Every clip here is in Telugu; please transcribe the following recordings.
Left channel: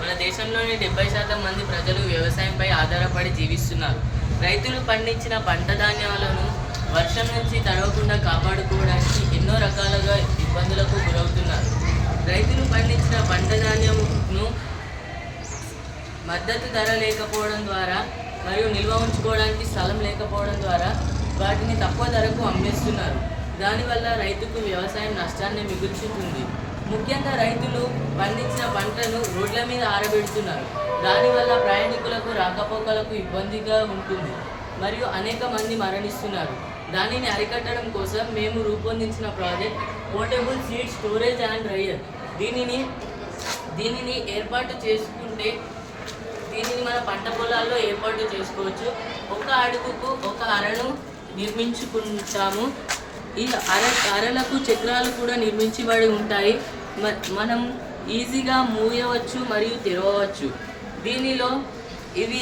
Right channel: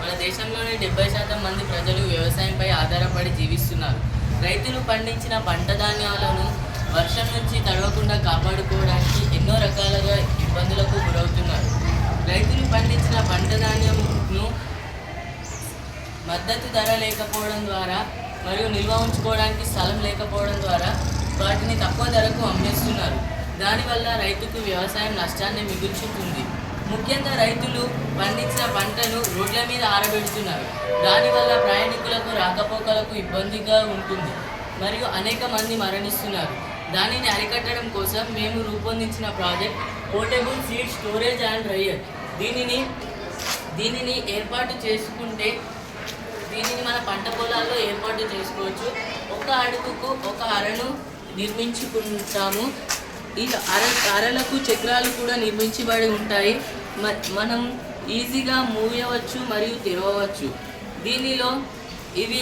మన దేశంలోని 70% మంది ప్రజలు వ్యవసాయంపై ఆధారపడి జీవిస్తున్నారు. రైతులు పండించిన పంట ధాన్యాలను వర్షం నుంచి తడవకుండా కాపాడుకోవడానికి ఎన్నో రకాలుగా ఇబ్బందులకు గురవుతున్నారు. రైతులు పండించిన పంట ధాన్యంను మద్దతు ధర లేకపోవడం ద్వారా మరియు నిల్వ ఉంచుకోవడానికి స్థలం లేకపోవడం ద్వారా వాటిని తక్కువ ధరకు అమ్మేస్తున్నారు. దానివల్ల రైతుకు వ్యవసాయం నష్టాన్ని మిగుల్చుతుంది. ముఖ్యంగా రైతులు పండించిన పంటను రోడ్ల మీద ఆరబెడుతున్నారు. దానివల్ల ప్రయాణికులకు రాకపోకలకు ఇబ్బందిగా ఉంటుంది మరియు అనేక మంది మరణిస్తున్నారు. దానిని అరికట్టడం కోసం మేము రూపొందించిన project portable seed storage and dryer. దీనిని ఏర్పాటు చేసుకుంటే దీనిని మన పంట పొలాల్లో ఏర్పాటు చేసుకోవచ్చు. ఒక అడుగుకు ఒక అరను నిర్మించుకుంటాము. ఈ అరలకు చక్రాలు కూడా నిర్మించబడి ఉంటాయి. మనం ఈజీగా మూయవచ్చు మరియు తెరవవచ్చు. దీనిలో ఇవి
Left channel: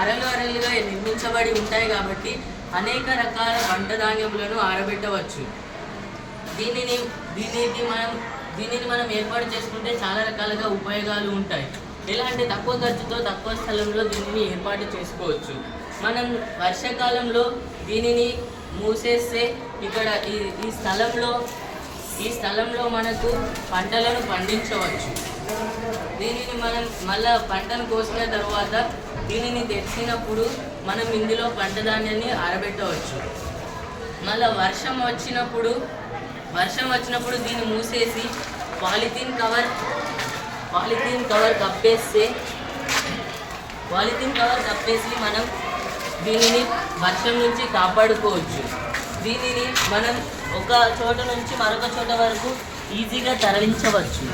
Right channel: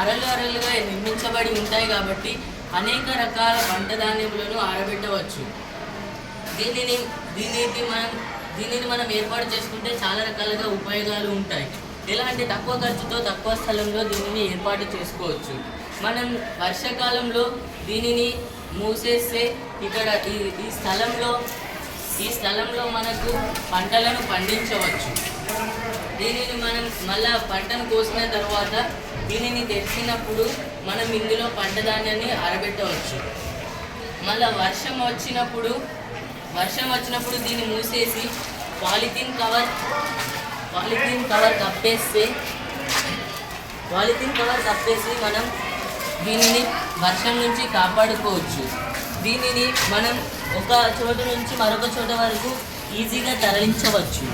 అరలుగా నిర్మించబడి ఉంటాయి కాబట్టి అనేక రకాల పంట ధాన్యములను ఆరబెట్టవచ్చు. దీనిని మనం ఏర్పాటు చేసుకుంటే చాలా రకాలుగా ఉపయోగాలు ఉంటాయి. ఎలా అంటే తక్కువ ఖర్చుతో తక్కువ స్థలంలో దీనిని ఏర్పాటు చేసుకోవచ్చు. మనం వర్షాకాలంలో దీనిని మూసేస్తే ఇక్కడ ఈ స్థలంలో మనకు పంటలను పండించవచ్చు. దీనిని మనం మళ్ళీ పంటను కోసిన తర్వాత దీనిని తెచ్చినప్పుడు మనం ఇందులో పంట ధాన్యాన్ని ఆరబెట్టవచ్చు. మళ్ళీ వర్షం వచ్చినప్పుడు దీన్ని మూసేసి పాలిథిన్ కవర్ కప్పేసి మనం దీనిని వర్షం నుంచి కాపాడుకోవచ్చు. దీనిని మనం ఒక చోట నుంచి మరొక చోట వరకు ఈజీగా తరలించవచ్చు.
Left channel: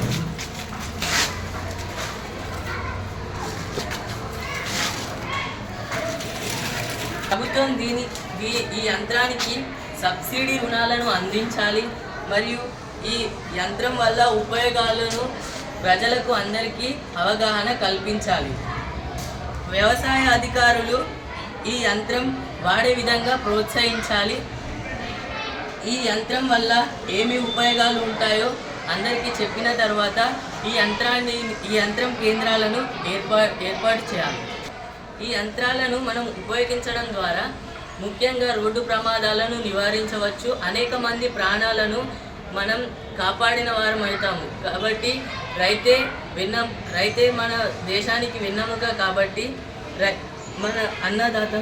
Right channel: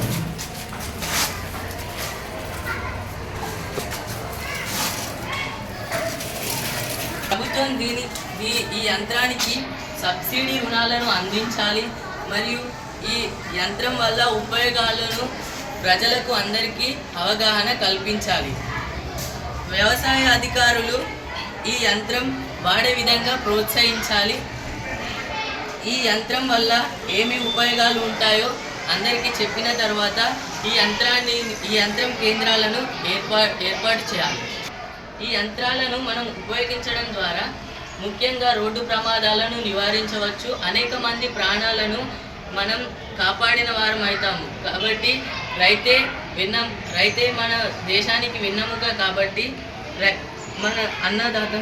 ప్రభుత్వం ఈ యంత్రానికి సబ్సిడీ రుణాలను అందించాలి మరియు ఈ యంత్రం వల్ల ఉపయోగాలను ప్రజలకు అందరికీ అవగాహన కల్పించాలి. వ్యవసాయ అధికారులు ఈ యంత్రం వాడే విధంగా ప్రోత్సహించాలి. ఈ యంత్రం వల్ల ఏమి ఉపయోగాలు ఉంటాయో అందరికీ చెప్పిన తర్వాత ఈ యంత్రం కేంద్రాలను ఏర్పాటు చేయాలి. ఈ యంత్రాలను మనం ఉపయోగించడం ద్వారా ముఖ్యంగా రోడ్డు ప్రమాదాలను నివారించవచ్చు. అనేక మంది ప్రాణాలను మనం కాపాడిన వారం అవుతాము. కాబట్టి రైతే మన దేశానికి వెన్నెముక. కాబట్టి మన అన్నదాత.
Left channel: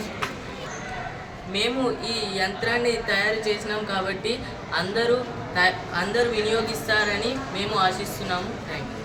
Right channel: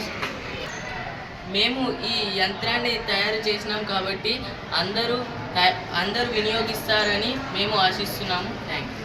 మేము ఈ యంత్రాన్ని తయారు చేసినాం కాబట్టి అందరూ వినియోగిస్తారని మేము ఆశిస్తున్నాము. Thank you.